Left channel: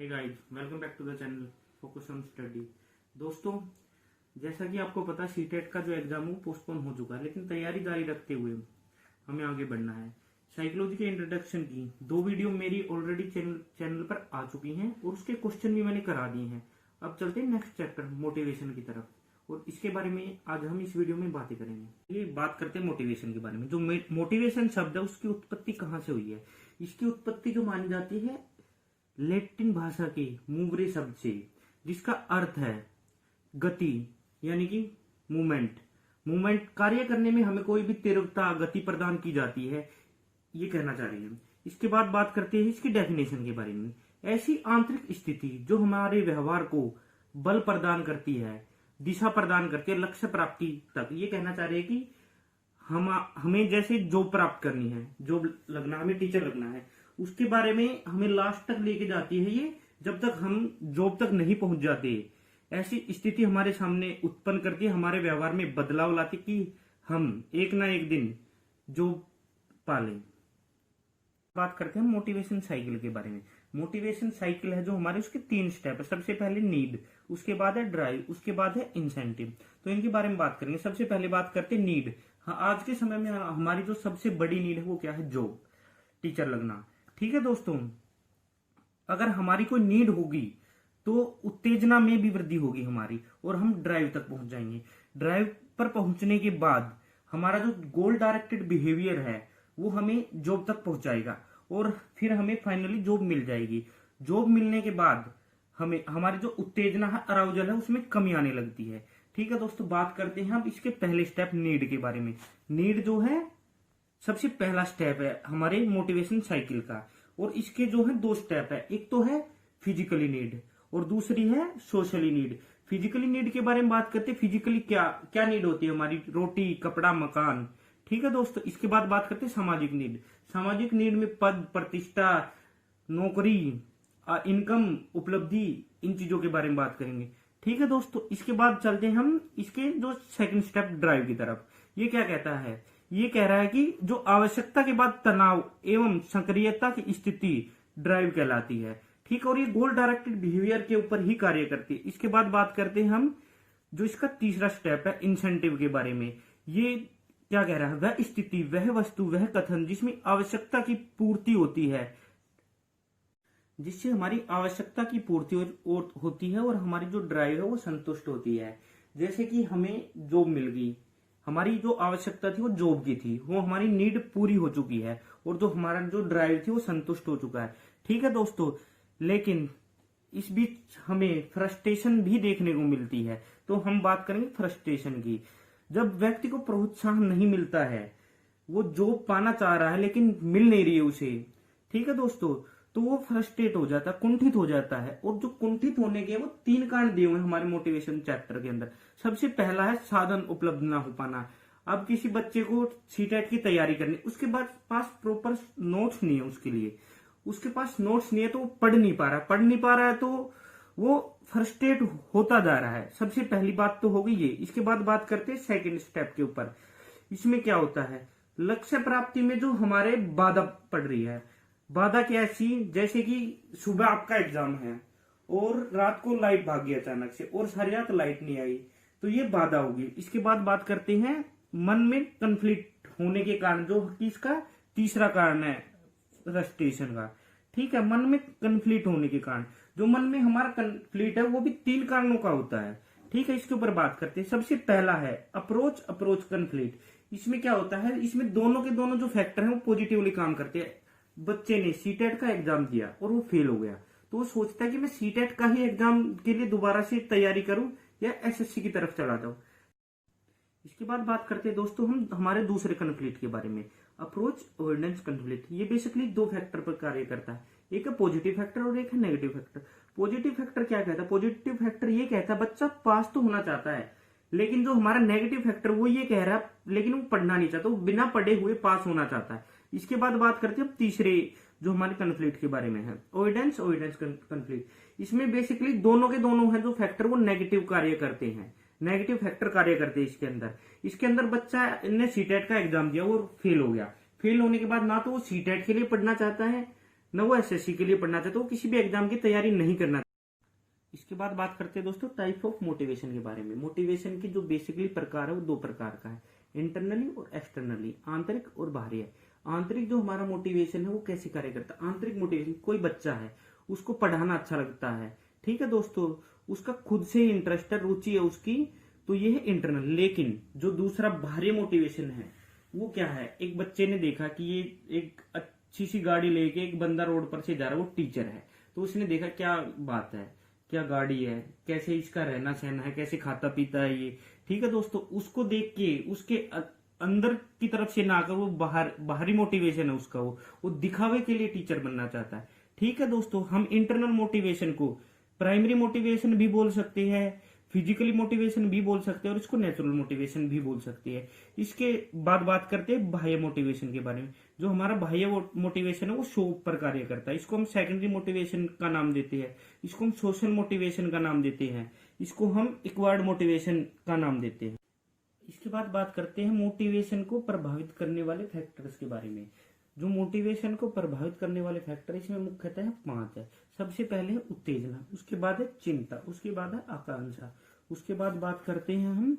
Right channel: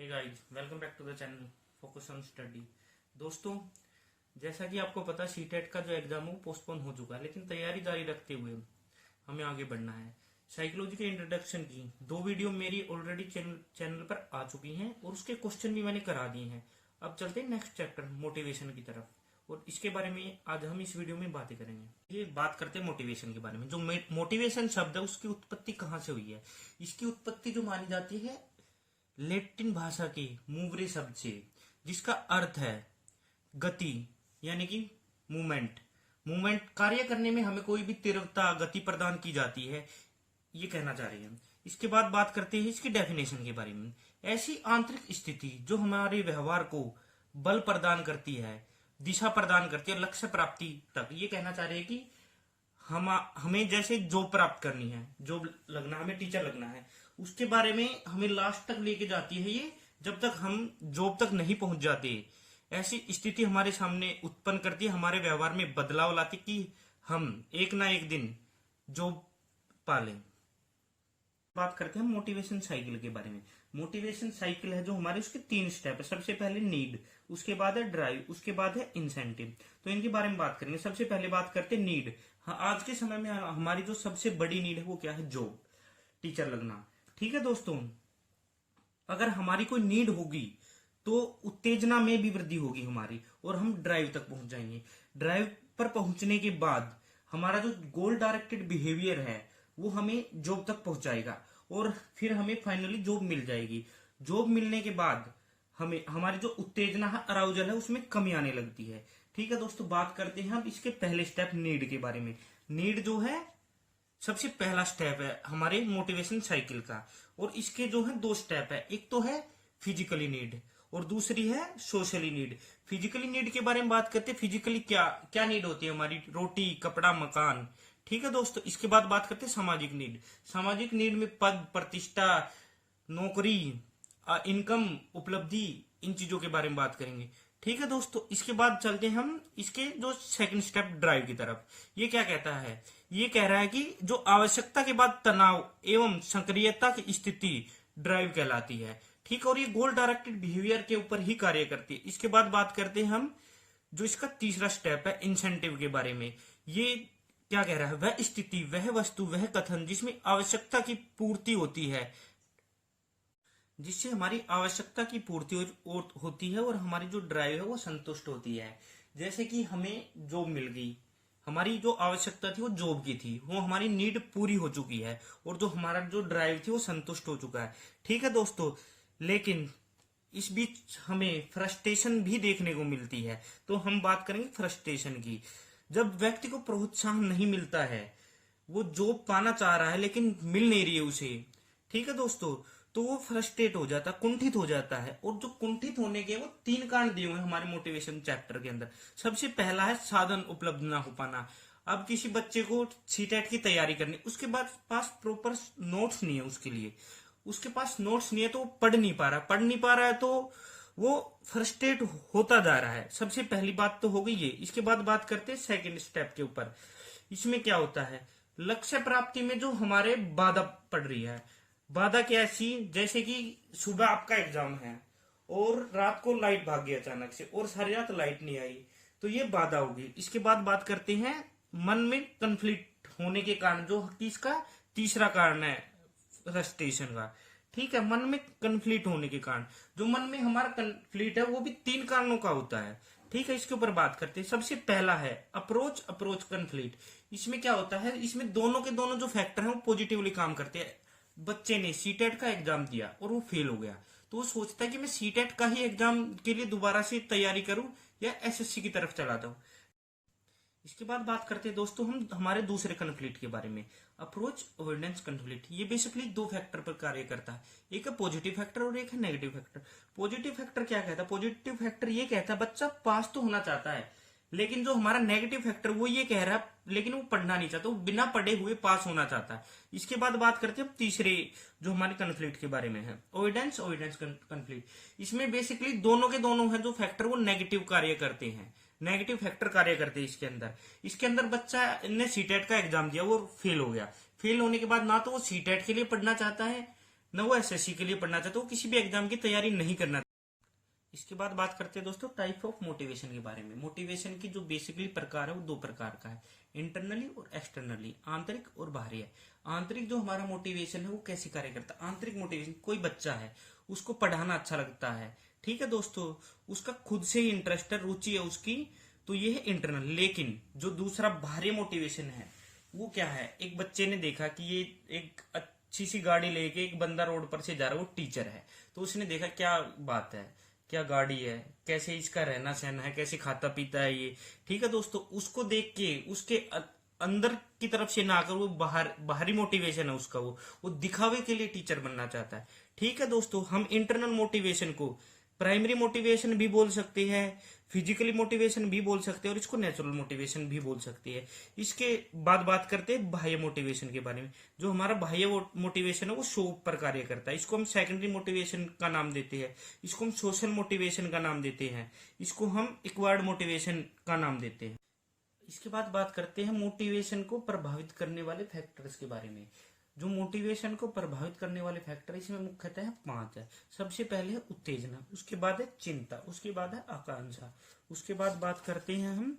Hey guys, welcome back to the channel focus on study. दोस्तों, जैसा कि आपको पता सीटेट का जो एग्जाम है वो पोस्टपोन हो चुका है, लेकिन तैयारी जारी रखते हुए हमें आगे बढ़ना है। साइकोलॉजी के इंट्रोडक्शन की 2 वीडियो मेरी ऑलरेडी चैनल पर आ चुकी हैं और उसके क्वेश्चन भी मैंने करा दिए हैं। अब चलते हैं नेक्स्ट चैप्टर मोटिवेशन की तरफ, और इसके बारे में आज हम इस वीडियो में बातें करेंगे। ये बात करते हैं मोटिवेशन के बारे में। जो मोटिवेशन शब्द है उसकी उत्पत्ति कहाँ से हुई है? इसकी उत्पत्ति जो मानी जाती है लैटिन भाषा के मूवरे शब्द से, जिसका अर्थ है गति, यानी कि मूवमेंट। मूवमेंट कार्य करने में हमें कोई भी तीव्रता गति प्रदान की जाती है, ये कहना चाह रही है। इसके बाद बात करते हैं इसकी डेफिनेशन के बारे में। ऐसी आंतरिक स्थिति जो हमारे व्यवहार को बल प्रदान करती है, दिशा प्रदान करती है लक्ष्य प्राप्ति तक। ये कहना चाह रहे हैं कि हमें जैसे जॉब प्राप्त करनी है, जॉब लगना, हमें टीचर लगना है, उसके बारे में हमें लास्ट तक लेके जाती है ये, जब तक हम जॉब तक नहीं पहुंच जाते। ऐसी स्थिति हमारे सामने उत्पन्न करती है, हमारे व्यवहार में बदलाव लाती कि हम एक ना एक दिन जॉब पालें। बात करते हैं मोटिवेशन साइकिल के बारे में। मोटिवेशन साइकिल है जो हमारे, उसके 3 स्टेप है। सबसे पहले नीड, उसके बाद है ड्राइव, उसके बाद है इंसेंटिव। तो इनके बारे में बात करेंगे। सबसे पहले बात करते हैं नीड। हाँ, आज के समय में हमारी जो सबसे बड़ी नीड है वो क्या है? जॉब, टीचर लगना। ठीक है दोस्तों, अगर हमारी कोई नीड होगी तो उत्तेजना में भी वृद्धि होगी हमारी, और हम ड्राइव तक पहुंच जाएंगे। ड्राइव पर पहुंचने के बाद हमारा जो गोल डायरेक्टेड बिहेवियर है वो हमें जॉब तक पहुंचाएगा, और फिर हमें फाइनली जॉब मिल जाएगी। जॉब मिलने के बाद हमें हमारी जो उत्तेजना है, अराउजल है, उसमें कमी आने लगती है। ठीक है दोस्तों, बात करते हैं अब इसके पहले स्टेप नीड के बारे में। नीड जो है सबसे पहला स्टेप है हमारे मोटिवेशन साइकिल का, और इसके जो है 2 स्टेप है। एक तो है फिजिकली नीड और दूसरी है सोशली नीड। फिजिकली नीड के बारे में बात करते हैं। फिजिकली क्या क्या नीड होती है हमारी? रोटी, कपड़ा, मकान। ठीक है दोस्तों, इसके बाद बात करते हैं सामाजिक नीड। सामाजिक नीड में पद, प्रतिष्ठा, नौकरी, इनकम, उपलब्धि, इन चीजों के बारे में बात करेंगे। ठीक है दोस्तों, इसके बाद चलते हैं हम इसके जो सेकंड स्टेप ड्राइव की तरफ। ये क्या कहता है? ये कह रहा है कि जो आवश्यकता के बाद तनाव एवं सक्रियता की स्थिति ड्राइव कहलाती है। ठीक, और ये गोल डायरेक्टेड बिहेवियर के ऊपर ही कार्य करती है। इसके बाद बात करते हैं हम जो इसका तीसरा स्टेप है इंसेंटिव के बारे में। ये क्या कह रहा है? वह स्थिति, वह वस्तु, वह कथन जिसमें आवश्यकता की पूर्ति होती है, जिससे हमारी आवश्यकता की पूर्ति होती है और हमारी जो ड्राइव है वो संतुष्ट होती है। जैसे कि हमें जॉब मिल गई, हमारी जो आवश्यकता थी वो जॉब की थी, वो हमारी नीड पूरी हो चुकी है, और जो हमारा जो ड्राइव थी वो संतुष्ट हो चुका है। ठीक है दोस्तों, लेकिन इस बीच हमें फ्रस्ट्रेशन भी देखने को मिलती है। तो हम बात करेंगे फ्रस्ट्रेशन की। जब व्यक्ति को प्रोत्साहन नहीं मिलता है, वो जॉब पाना चाह रहा है लेकिन मिल नहीं रही है उसे, ठीक है दोस्तों, तो वो फ्रस्ट्रेट हो जाता है, कुंठित हो जाता है। और जो कुंठित होने के वो 3 कारण दिए हुए हैं हमारे मोटिवेशन चैप्टर के अंदर। सबसे पहला है साधन उपलब्ध ना हो पाना। अब किसी बच्चे को सीटेट की तैयारी करनी, उसके पास प्रॉपर नोट्स नहीं है, उसके पास नोट्स नहीं है, तो वो पढ़ नहीं पा रहा है, तो वो फ्रस्ट्रेट होता जा रहा है। सबसे पहली बात तो हो गई ये। इसके बाद बात करते हैं सेकंड स्टेप के ऊपर। इसमें क्या होता है? लक्ष्य प्राप्ति में जो हमारे बाधा पड़ रही है। बाधा क्या ऐसी? जैसे कि सुबह आपका एग्जाम है और रात को लाइट भाग गई अचानक से, और सारी रात लाइट नहीं आई, तो ये बाधा होगी। इसके बाद बात करते हैं मन में कन्फ्लिक्ट होने के कारण, जो इसका तीसरा कारण है फ्रस्ट्रेशन का। ठीक है, मन में कन्फ्लिक्ट होने के कारण, जो मन में हमारा कन्फ्लिक्ट है वो भी 3 कारणों का होता है। ठीक है, इसके ऊपर बात करते हैं। सबसे पहला है अप्रोच कन्फ्लिक्ट। इसमें क्या होता है? इसमें दोनों के दोनों जो फैक्टर हैं वो पॉजिटिवली काम करते हैं। बच्चे ने सीटेट का एग्जाम दिया और वो फेल हो गया, तो वो सोचता है कि मैं सीटेट का ही एग्जाम के लिए दोबारा से तैयारी करूं या एसएससी की तरफ चला जाऊं। इसके बाद बात करते हैं दोस्तों हम हमारे दूसरे कन्फ्लिक्ट के बारे में, अप्रोच अवॉइडेंस कन्फ्लिक्ट। ये बेसिकली 2 फैक्टर पर कार्य करता है। एक है पॉजिटिव फैक्टर और एक है नेगेटिव फैक्टर। पॉजिटिव फैक्टर क्या कहता है? पॉजिटिव फैक्टर ये कहता है बच्चा पास तो होना चाहता है, लेकिन जो हमारा नेगेटिव फैक्टर वो ये कह रहा है लेकिन वो पढ़ना नहीं चाहता, वो बिना पढ़े हुए पास होना चाहता है। इसके बाद बात करते हैं तीसरे जो हमारे कन्फ्लिक्ट के बारे में है, अवॉइडेंस कन्फ्लिक्ट। इसमें बेसिकली दोनों के दोनों है जो फैक्टर वो नेगेटिव कार्य करते हैं, नेगेटिव फैक्टर कार्य करते हैं इसके अंदर बच्चा ने सीटेट का एग्जाम दिया और फेल हो गया। फेल होने के बाद ना तो वो सीटेट के लिए पढ़ना चाहता है, न वो एसएससी के लिए पढ़ना चाहता, वो किसी भी एग्जाम की तैयारी नहीं करना। इसके बाद बात करते हैं दोस्तों टाइप ऑफ मोटिवेशन के बारे में। मोटिवेशन की जो बेसिकली प्रकार है वो दो प्रकार का है, इंटरनली और एक्सटर्नली, आंतरिक और बाहरी है। आंतरिक जो हमारा मोटिवेशन है वो कैसे कार्य करता है? आंतरिक मोटिवेशन, कोई बच्चा है उसको पढ़ाना अच्छा लगता है, ठीक है दोस्तों, उसका खुद से ही इंटरेस्ट है, रुचि है उसकी, तो ये है इंटरनल। लेकिन जो दूसरा बाहरी मोटिवेशन है वो क्या है? एक बच्चे ने देखा कि ये एक अच्छी सी गाड़ी लेके एक बंदा रोड पर से जा रहा है, वो टीचर है, तो उसने देखा क्या बात है, क्या गाड़ी है, कैसे इसका रहना सहना है, कैसे खाता पीता है ये, ठीक है दोस्तों, उसको देख के उसके अंदर की तरफ से ना आकर वो बाहरी मोटिवेशन है उसका, वो दिखावे के लिए टीचर बनना चाहता है। ठीक है दोस्तों, हम इंटरनल मोटिवेशन को प्राइमरी मोटिवेशन भी बोल सकते हैं, फिजिकली मोटिवेशन भी बोल सकते हैं, और इसको नेचुरल मोटिवेशन भी बोल सकते हैं। इसके बाद बात करते हैं बाह्य मोटिवेशन के बारे में। जो हमारा बाह्य मोटिवेशन है वो शो पर कार्य करता है, इसको हम सेकेंडरी मोटिवेशन का नाम देते हैं, इसको हम सोशल मोटिवेशन का नाम देते हैं, इसको हम इक्वायर्ड मोटिवेशन का नाम देते हैं। इसके बाद बात करते हैं मोटिवेशन को प्रभावित करने वाले फैक्टर्स के बारे में। जो मोटिवेशन को प्रभावित करने वाले फैक्टर इसमें मुख्यतः 5 है। सबसे पहले है उत्तेजना, उसके बाद है चिंता, उसके बाद है आकांक्षा, उसके बाद बात करते हैं हम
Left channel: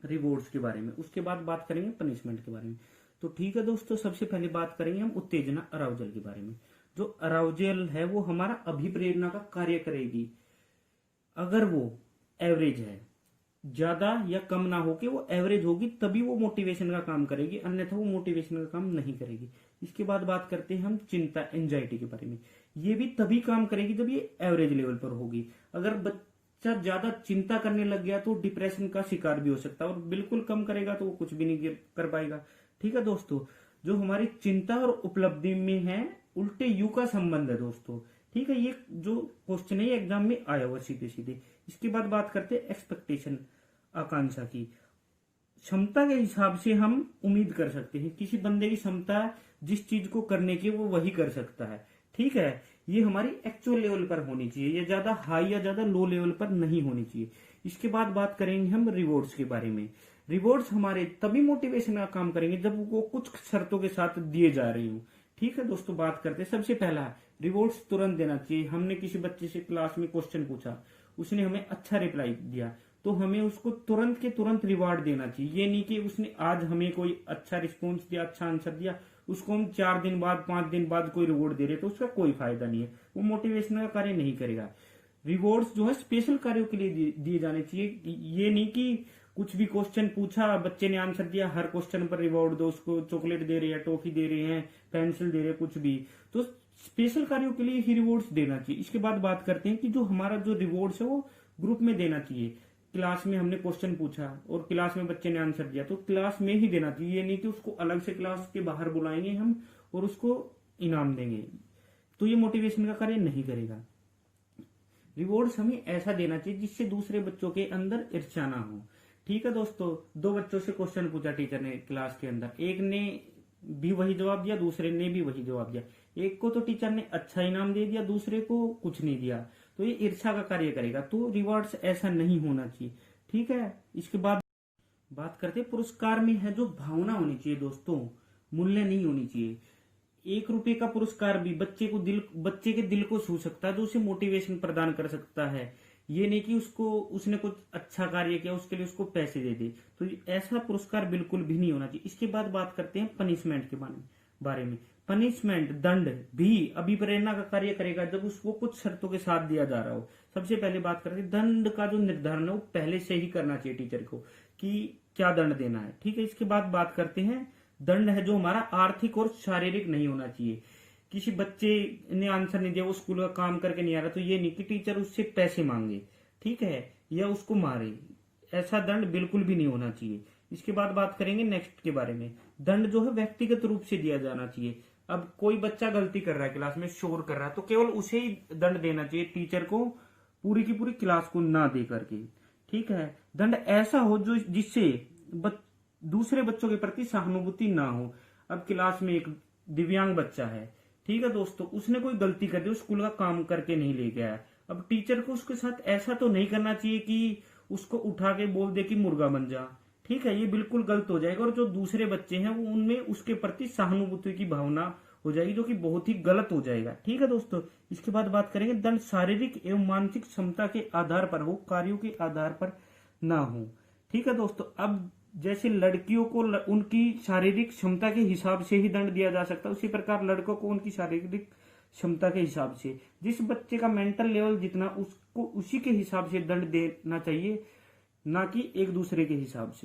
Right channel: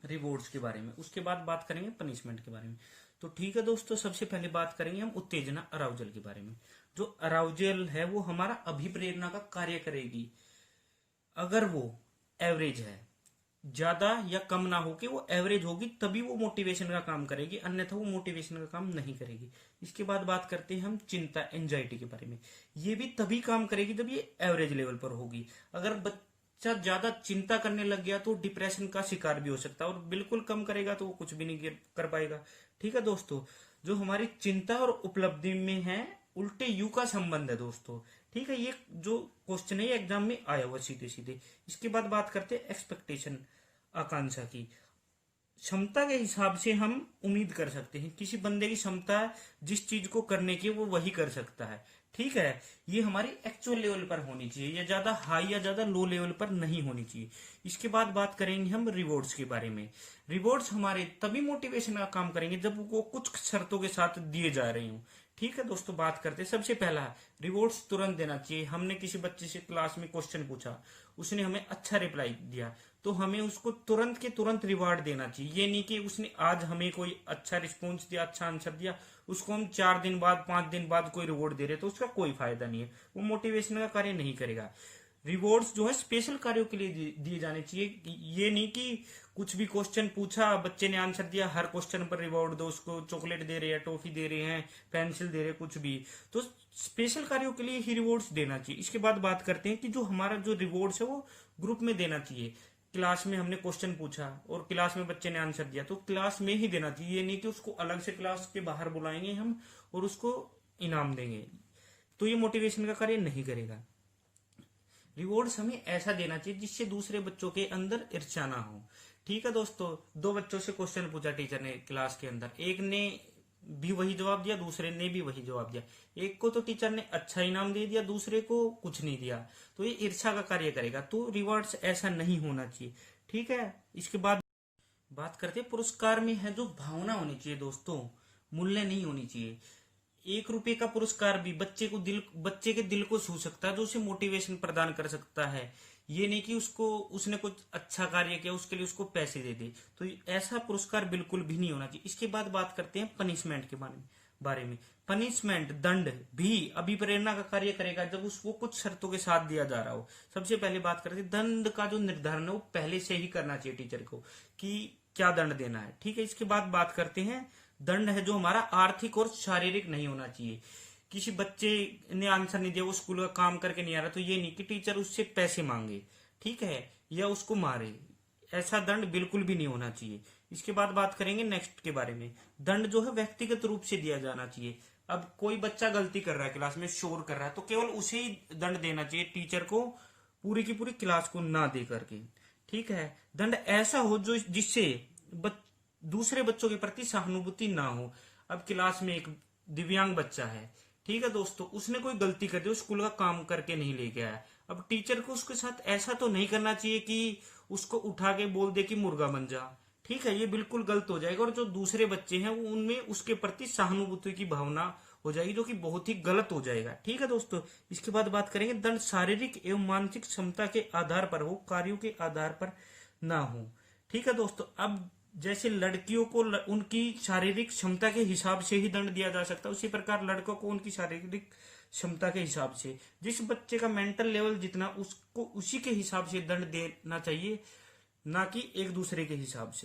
रिवॉर्ड्स के बारे में, उसके बाद बात करेंगे पनिशमेंट के बारे में। तो ठीक है दोस्तों, सबसे पहले बात करेंगे हम उत्तेजना अराउजल के बारे में। जो अराउजल है वो हमारा अभिप्रेरणा का कार्य करेगी। अगर वो एवरेज है, ज्यादा या कम ना हो के वो एवरेज होगी, तभी वो मोटिवेशन का काम करेगी, अन्यथा वो मोटिवेशन का काम नहीं करेगी। इसके बाद बात करते हैं हम चिंता, एंजाइटी के बारे में। ये भी तभी काम करेगी जब ये एवरेज लेवल पर होगी। अगर बच्चा ज्यादा चिंता करने लग गया तो डिप्रेशन का शिकार भी हो सकता है, और बिल्कुल कम करेगा तो वो कुछ भी नहीं कर पाएगा। ठीक है दोस्तों, जो हमारी चिंता और उपलब्धि में है उल्टे यू का संबंध है दोस्तों। ठीक है, ये जो क्वेश्चन है एग्जाम में आया हुआ सीधे सीधे। इसके बाद बात करते हैं एक्सपेक्टेशन, आकांक्षा की। क्षमता के हिसाब से हम उम्मीद कर सकते हैं, किसी बंदे की क्षमता जिस चीज को करने की वो वही कर सकता है। ठीक है, ये हमारी एक्चुअल लेवल पर होनी चाहिए, ये ज्यादा हाई या ज्यादा लो लेवल पर नहीं होनी चाहिए। इसके बाद बात करेंगे हम रिवॉर्ड्स के बारे में। रिवॉर्ड्स हमारे तभी मोटिवेशन का काम करेंगे जब वो कुछ शर्तों के साथ दिए जा रहे हो। ठीक है दोस्तों, बात करते हैं। सबसे पहला, रिवॉर्ड्स तुरंत देना चाहिए। हमने किसी बच्चे से क्लास में क्वेश्चन पूछा, उसने हमें अच्छा रिप्लाई दिया, तो हमें उसको तुरंत के तुरंत रिवार्ड देना चाहिए। ये नहीं कि उसने आज हमें कोई अच्छा रिस्पॉन्स दिया, अच्छा आंसर दिया, उसको हम 4 दिन बाद 5 दिन बाद कोई रिवॉर्ड दे रहे, तो उसका कोई फायदा नहीं है, वो मोटिवेशन का कार्य नहीं करेगा। रिवॉर्ड्स जो है स्पेशल कार्यों के लिए दिए जाने चाहिए। ये नहीं कि कुछ भी क्वेश्चन पूछा, बच्चे ने आंसर दिया, हर क्वेश्चन पर रिवॉर्ड दो, उसको चॉकलेट दे रहे हैं, टॉफी दे रहे हैं, पेंसिल दे रहे हैं, कुछ भी। तो स्पेशल कार्यों के लिए ही रिवॉर्ड्स देना चाहिए। इसके बाद बात करते हैं कि जो हमारा जो रिवॉर्ड्स है वो ग्रुप में देना चाहिए। क्लास में हमने क्वेश्चन पूछा और क्लास में बच्चे ने आंसर दिया, तो क्लास में ही देना चाहिए। ये नहीं कि उसको अलग से क्लास के बाहर बुलाएंगे हम और उसको इनाम देंगे, तो ये मोटिवेशन का कार्य नहीं करेगा। रिवॉर्ड्स हमें ऐसा देना चाहिए जिससे दूसरे बच्चों के अंदर ईर्ष्या ना हो। ठीक है दोस्तों, 2 बच्चों से क्वेश्चन पूछा टीचर ने क्लास के अंदर, एक ने भी वही जवाब दिया, दूसरे ने भी वही जवाब दिया। एक को तो टीचर ने अच्छा इनाम दे दिया, दूसरे को कुछ नहीं दिया, तो ये ईर्ष्या का कार्य करेगा। तो रिवॉर्ड्स ऐसा नहीं होना चाहिए। ठीक है, इसके बाद बात करते हैं पुरस्कार में है जो भावना होनी चाहिए दोस्तों, मूल्य नहीं होनी चाहिए। 1 रुपए का पुरस्कार भी बच्चे के दिल को छू सकता है, जो उसे मोटिवेशन प्रदान कर सकता है। ये नहीं कि उसने कुछ अच्छा कार्य किया उसके लिए उसको पैसे दे दे, तो ऐसा पुरस्कार बिल्कुल भी नहीं होना चाहिए। इसके बाद बात करते हैं पनिशमेंट के बारे में। पनिशमेंट, दंड भी अभिप्रेरणा का कार्य करेगा जब उसको कुछ शर्तों के साथ दिया जा रहा हो। सबसे पहले बात करते हैं दंड का जो निर्धारण है वो पहले से ही करना चाहिए टीचर को कि क्या दंड देना है। ठीक है, इसके बाद बात करते हैं दंड है जो हमारा आर्थिक और शारीरिक नहीं होना चाहिए। किसी बच्चे ने आंसर नहीं दिया, वो स्कूल का काम करके नहीं आ रहा, तो ये नहीं कि टीचर उससे पैसे मांगे, ठीक है, या उसको मारे। ऐसा दंड बिल्कुल भी नहीं होना चाहिए। इसके बाद बात करेंगे नेक्स्ट के बारे में। दंड जो है व्यक्तिगत रूप से दिया जाना चाहिए। अब कोई बच्चा गलती कर रहा है, क्लास में शोर कर रहा है, तो केवल उसे ही दंड देना चाहिए, टीचर को पूरी की पूरी क्लास को ना दे करके। ठीक है, दंड ऐसा हो जो जिससे दूसरे बच्चों के प्रति सहानुभूति ना हो। अब क्लास में एक दिव्यांग बच्चा है, ठीक है दोस्तों, उसने कोई गलती कर दी, स्कूल का काम करके नहीं लेके आया। अब टीचर को उसके साथ ऐसा तो नहीं करना चाहिए कि उसको उठा के बोल दे कि मुर्गा बन जा। ठीक है, ये बिल्कुल गलत हो जाएगा, और जो दूसरे बच्चे हैं वो उनमें उसके प्रति सहानुभूति की भावना हो जाएगी, जो कि बहुत ही गलत हो जाएगा। ठीक है दोस्तों, इसके बाद बात करेंगे दंड शारीरिक एवं मानसिक क्षमता के आधार पर हो, कार्यों के आधार पर ना हो। ठीक है दोस्तों, अब जैसे लड़कियों को उनकी शारीरिक क्षमता के हिसाब से ही दंड दिया जा सकता है, उसी प्रकार लड़कों को उनकी शारीरिक क्षमता के हिसाब से, जिस बच्चे का मेंटल लेवल जितना उसको उसी के हिसाब से दंड देना चाहिए, ना कि एक दूसरे के हिसाब से।